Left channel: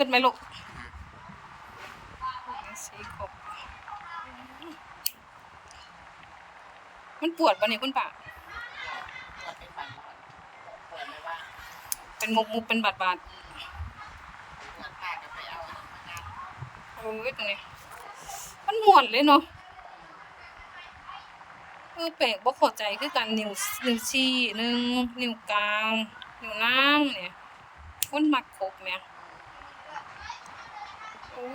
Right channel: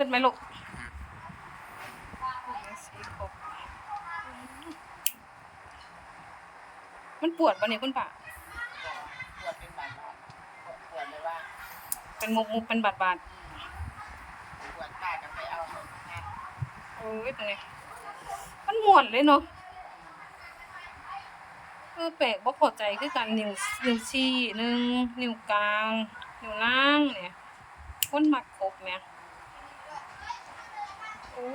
ขึ้นไหมลูกมันปวดปะเนี่ยคุณป่าปวดเป็นบาดปวดเลยว่า เป็นมุกมุกเป็นบาดบาดปวดป้าจะไปเอาเงินมางานโอ้ยตรงนี้มันหม่วนเลยเนาะเออแปลกบ่เข้าใจคือกันนิ้วนิ้วชี้หนึ่งนิ้วกลางนิ้วนางเนี่ยมันมักครบเนี่ย อ้ย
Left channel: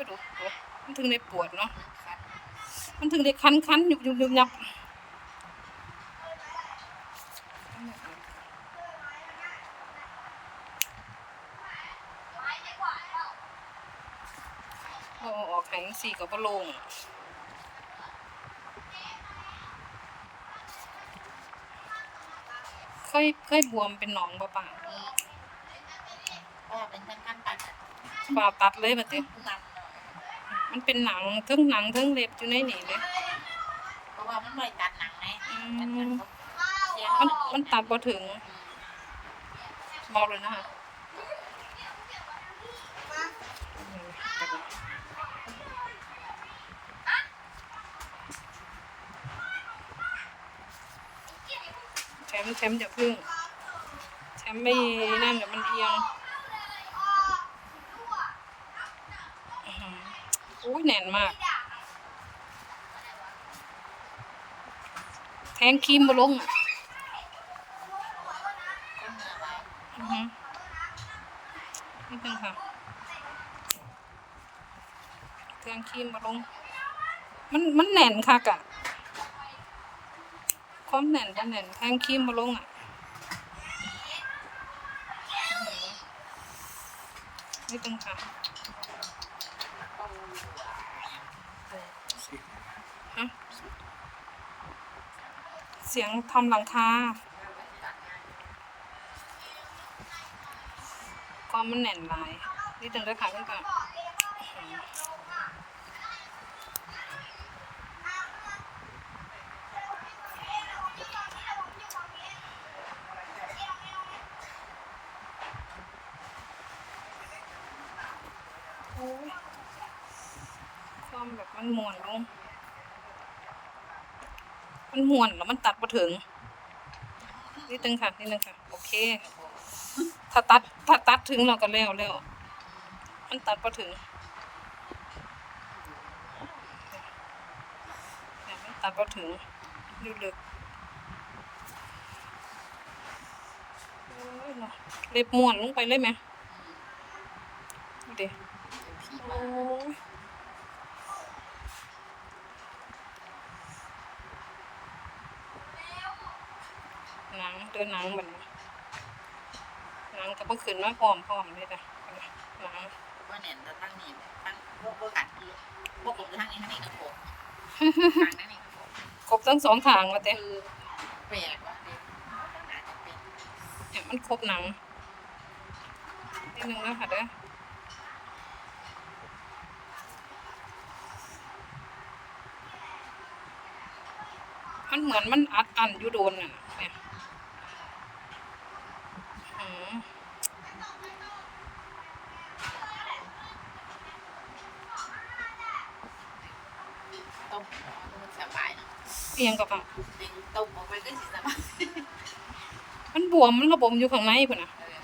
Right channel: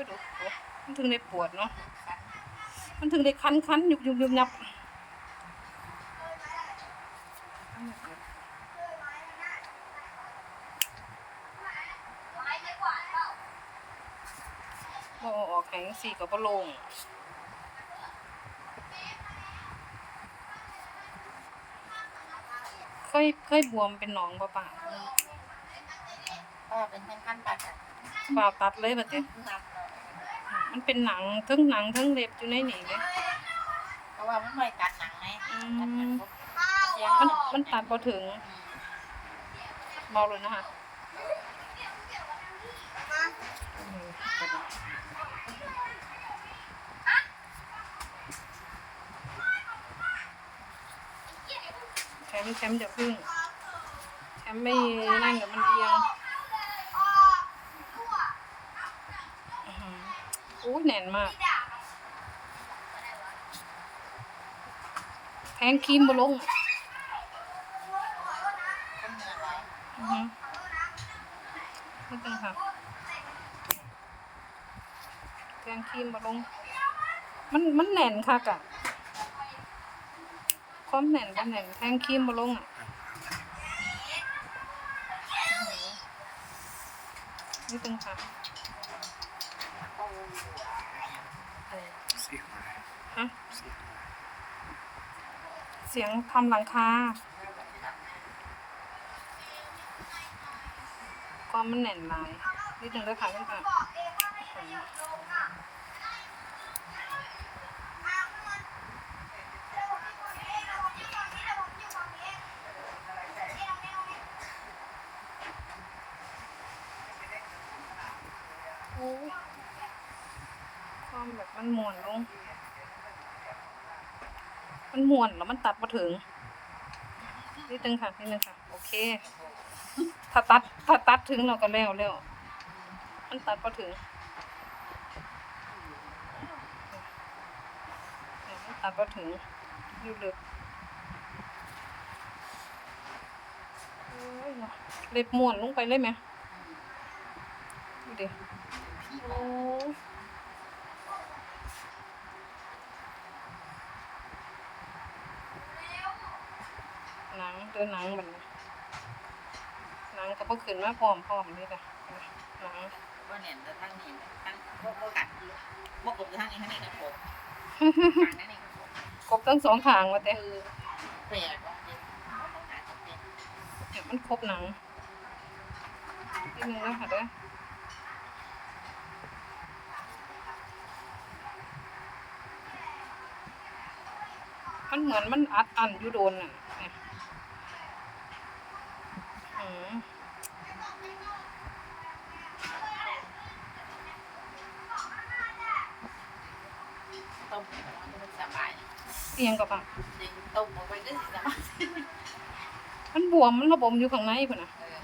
มันถึงได้ปวดเนาะมันถึงได้คันคันยุบยุบยุบยับบอออกแผงสี่กับบโลงเคยเคยบวมเป็นหนองบ่ป่ะก็เป็นทั้งขั้นตัดป่าตัดเลยบัดเจ็นำเนาะ มันเป็นหนังทั้งหนังทั้งเล็บอยู่ในนี่เลยเพราะว่ามันไม่ตัดหนังไงอืตัดหนังมเสียงมันมันตัดบ่ถึงเมาเลยนะคะแชมป์แชมป์อย่าพึ่งแชมป์ไม่นั่นเดี๋ยวมันเอียงอื้อหือโอ้ยแน่นมาก แทงครีมมาลงอะอือฮึไม่ต้องค่ะ แทงครีมมาลง มันมันแน่นค่ะกะความแน่นมันแน่นแทงครีมมาลงอะไม่ต้องค่ะ เข้าอยู่อะ สีขวาฮะสีขวเสียงทำหลังคาก็มันแน่นหลายนี่ถึงได้ขังกันก่อนโอ้ แบบมันมวนลง มันมวนแล้วมันตัดมาถึงนิดนึงค่ะนิดนึงค่ะ โอเค ถ้าตัดถ้าตัดถึงเราก็แล้วแล้ว มันตัดมาถึงต่มันตัดมาถึงอยู่ลึกโอ้ยเล็บม้วนลงไปเลยไหมดูดิโอ้ย หนัง เดินหนังเหมือนหนังกับพวกขึ้นมาพร้อมพร้อมนี่เลยหนังว่าเนี่ยแต่ทั้งนี้ทั้งพวกพวกกัดคือพวกกบทั้งนี้ทั้งนี้กระโปงทางนั้นนี่ครบทั้งสองทางว่าเต้คือแปลกว่าเนี่ยต้องหาจังเป็นเนี่ยมันครบหนังนิดนึงแล้วค่ะเด้อมันเหมือนมันอัดอันอยู่โดนน่ะ เนี่ยอืมต้มมันสบายเอียงกับปะดึงต้มออกไปก็สิสบายมันบวมมันระบมอยู่ข้างในพุ่นน่ะเออ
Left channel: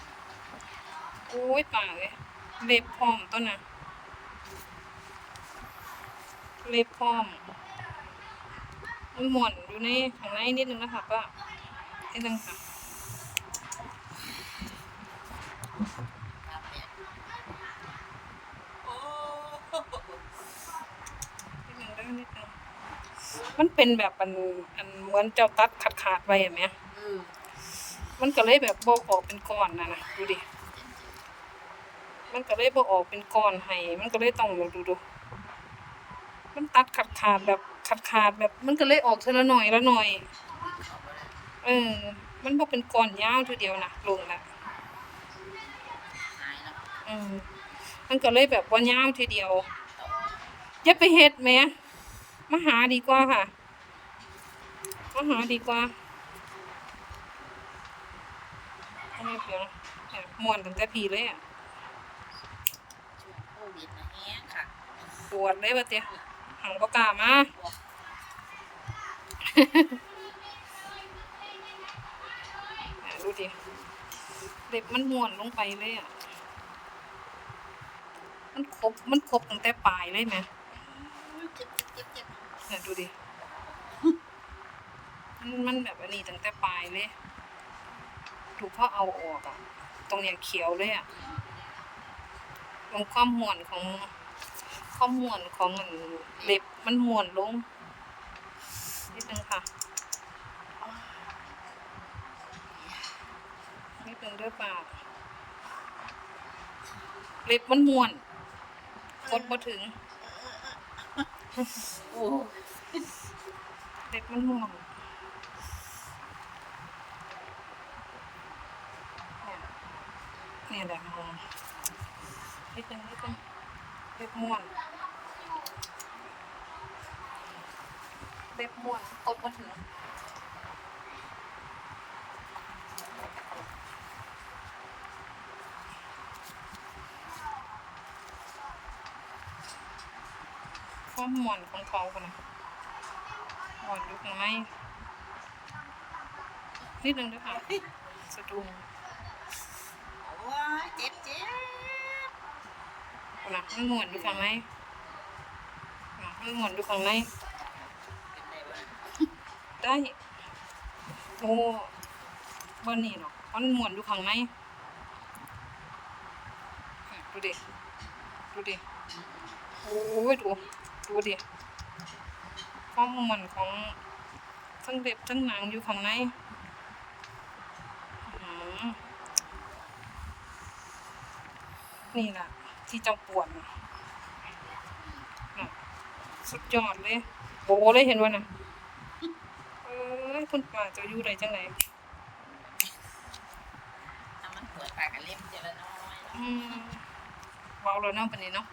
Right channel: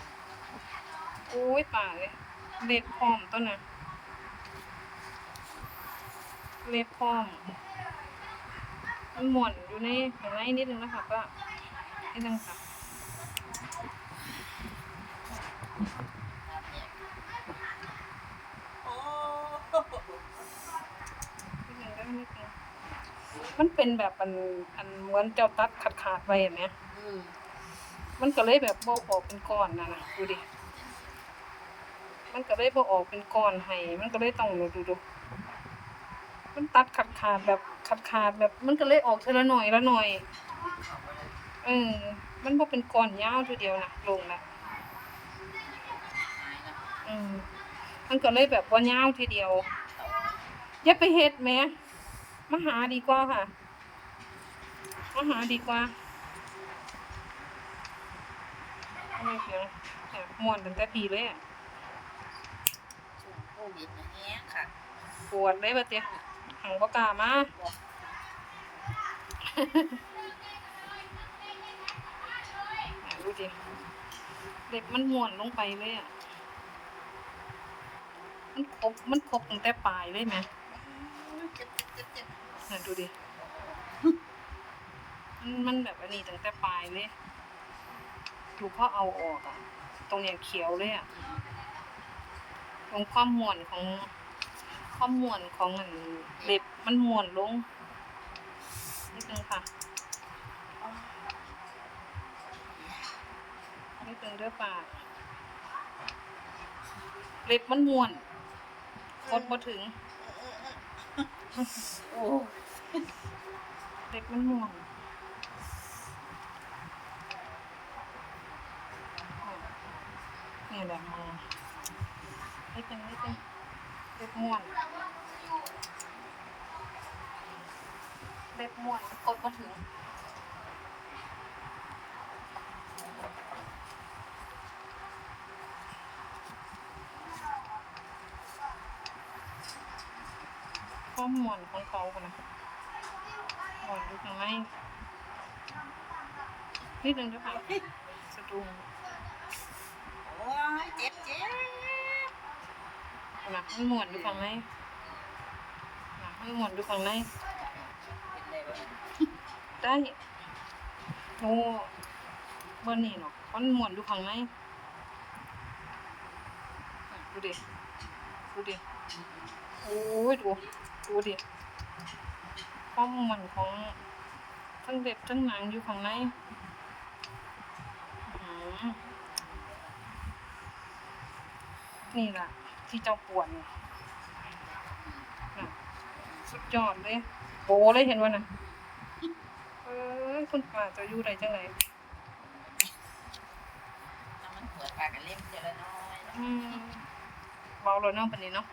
โอ้ยป่าเลยเล็บพร้อมต้นน่ะเล็บพร้อมมันหม่วนอยู่ในข้างในนิดนึงนะคะก็นิดนึงค่ะ น้ำเนี่ยโอ้ นิดนึง ได้นิดนึงมันเป็นแบบอันอันเหมือนเจ้าตัดขาดขาดๆไปอย่างเนี้ยเออมันก็เลยแบบโบออกเป็นก้อนน่ะนะดูดิ มันก็เลยโบออกเป็นก้อนให้ มันก็เลยต้องดูดูดู มันตัดขาดขาดๆแบบขาดขาดๆแบบ มันก็เลยออกทีละหน่อยละหน่อยเขาก็เลยเออ มันบ่เป็นก้อนยาวทีเดียวนะลงแล้วหายแล้วอืมมันก็เลยแบบว่ายาวทีเดียวอย่าไปเฮ็ดแหม่ มาหาดีกว่าค่ะมาหาดีกว่าเดี๋ยวเดี๋ยวม่วนตั้งแต่พีเลยอะชุดปวดเลยบ่เตี้ยหังบ่กล้ามาอะดูดิเล็บมันม้วนลงไปเลยอะ มันครบมันครบตั้งแต่ปลายเลยไหมเจ็บเจ็บเจ็บ น่ะดูดิ มันมันแบบอันนี้ตั้งแต่ปลายเลย ดูพอเอาออก ตรงเนี้ยเขียวเลยอะตรงความวนของความวนของมันเล็บมันมวนลงนิดนึงค่ะนิดนึงด้วยป่าเล็บมันมวนกดมาถึง โอ้เล็ดมันม่วงนี่แหละม่วนนิดนึงนิดนึงเล็ดม่วงเล็ดม่วนกดมาถึง ข้อมวนของเขากันนะมวนอยู่ข้างในนิดนึงด้วยค่ะสะดุ้งโอ้ยเจ็บเจ็บนะมันมวนอยู่ข้างในนะมันมวนอยู่ข้างในเป็นไรบ้างได้โอ้วันนี้เนาะมันมวนอยู่ข้างในอะดูดิ ดูดิ โอ้ยดู ดูดิข้อมวนของทั้งเด็บทั้งหนังอยู่ข้างในอื้อหือนี่แหละที่เจ้าปวดน่ะน่ะสุดยอดเลยโหเลยเห็นว่าน่ะเอ้ยคุณป่าเจะอยู่ได้จังไหนถ้ามันเผื่อตากันเล็บเจริญน้อยอืมเว้าแล้วเนาะปานนี้เนาะ